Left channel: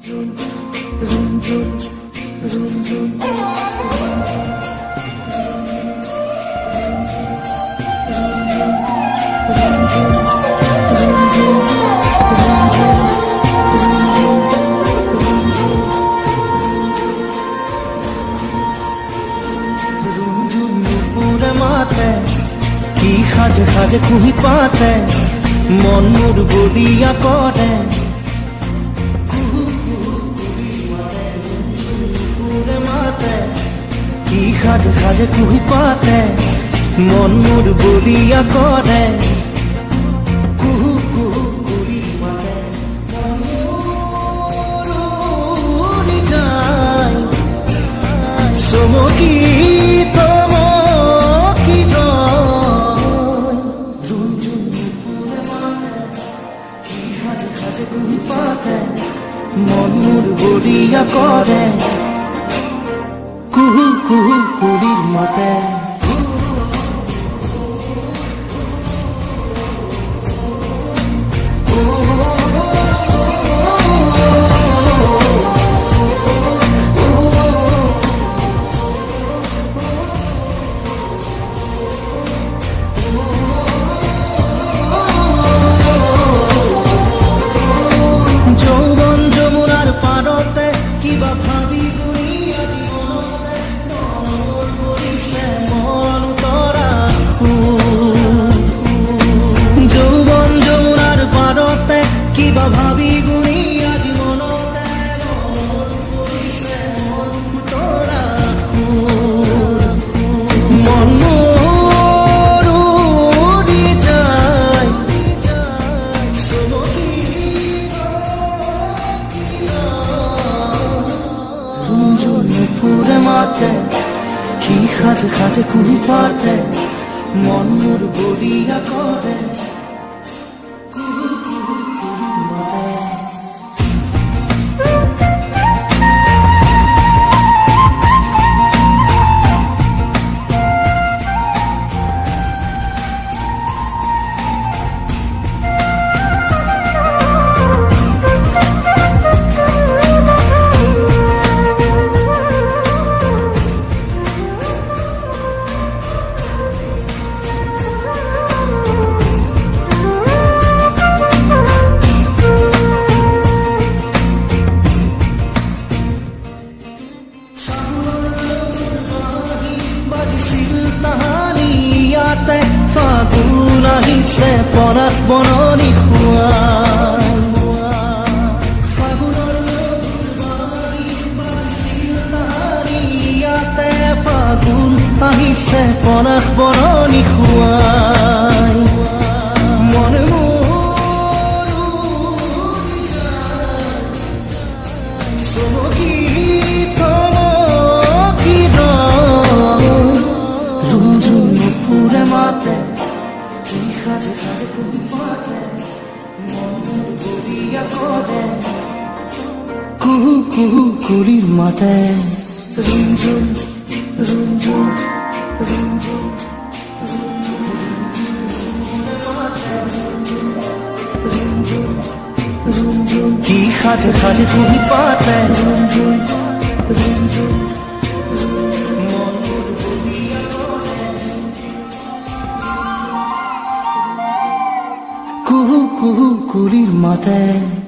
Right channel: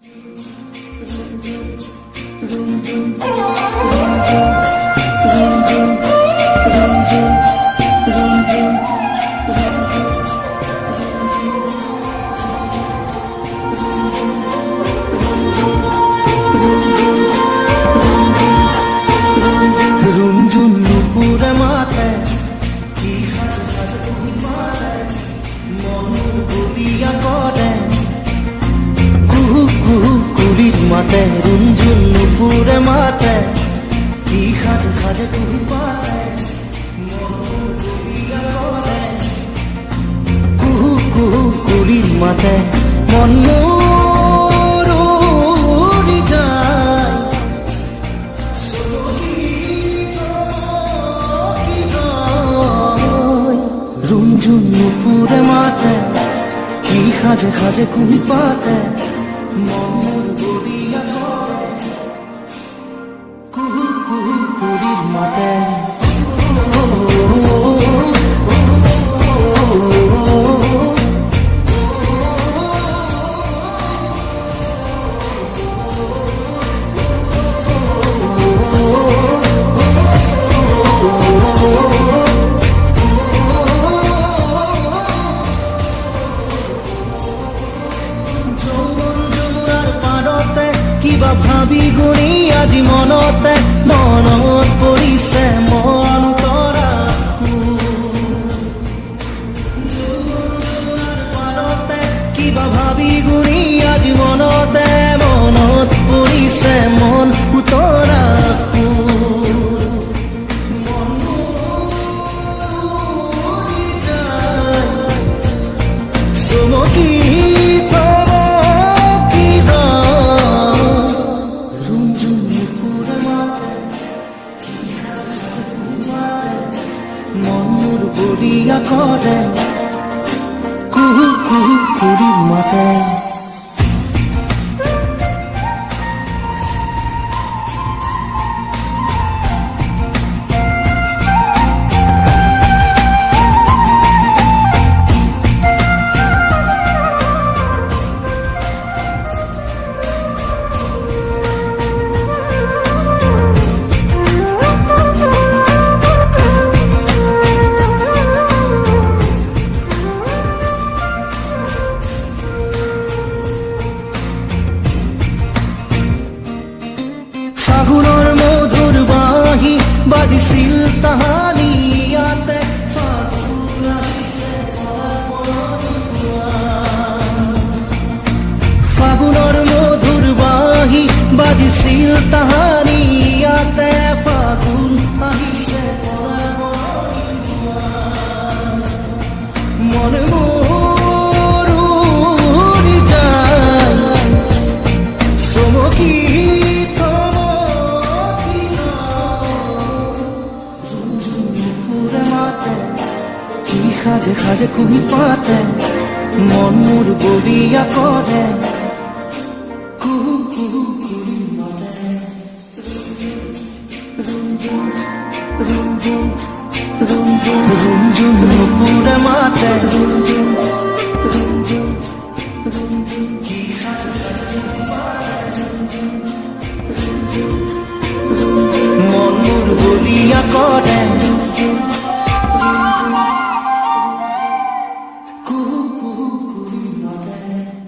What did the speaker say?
রুঞ্জুন নুপুরে মাতে কি খাজে খাজে কুহি পাতে মন মোর বলিয়া করে কুহু কুহু কুড়ির মাতে রুঞ্জুন নুপুরে মাতে কি খাজে খাজে কুহি পাতে মন মোর বলিয়া করে কুহু কুহু কুড়ির মাতে মন মোর উড়ি যায় সমকি রুঞ্জুন নুপুরে মাতে কি খাজে খাজে কুহি পাতে মন মোর বলিয়া করে কুহু কুহু কুড়ির মাতে কিবা ভাবি গুণি আজি মনতে মনত পৰিছে মন তৰা যৌৱন যমুনাৰ পাৰতে কিবা ভাবি গুণি আজি মনতে মনত পৰিছে মন উতৰা মন মোৰ উৰি যায় চমকি কি খাজে খাজে কুহি পাতে মন মোর বলিয়া করে কুহু কুহু কুড়ির মাতে ফাগুনৰ মধুৰ বাঁহী বাজিছিল তাহানি ইয়াতে ফাগুন আহিছে পনাত বননি খুৱাই ফাগুনৰ মধুৰ বাঁহী বাজিছিল তাহানি ইয়াতে ফাগুন আহিছে পনাত বননি খুৱাই মন মোৰ উৰি যায় চমকি কি খাজে খাজে কুহি পাতে মন মোর বলিয়া করে কুহু কুহু কুড়ির মাতে রুঞ্জুন রুঞ্জুন রুঞ্জুন রুঞ্জুন নুপুরে মাতে কি খাজে খাজে কুহি পাতে মন মোর বলিয়া করে কুহু কুহু কুড়ির মাথায়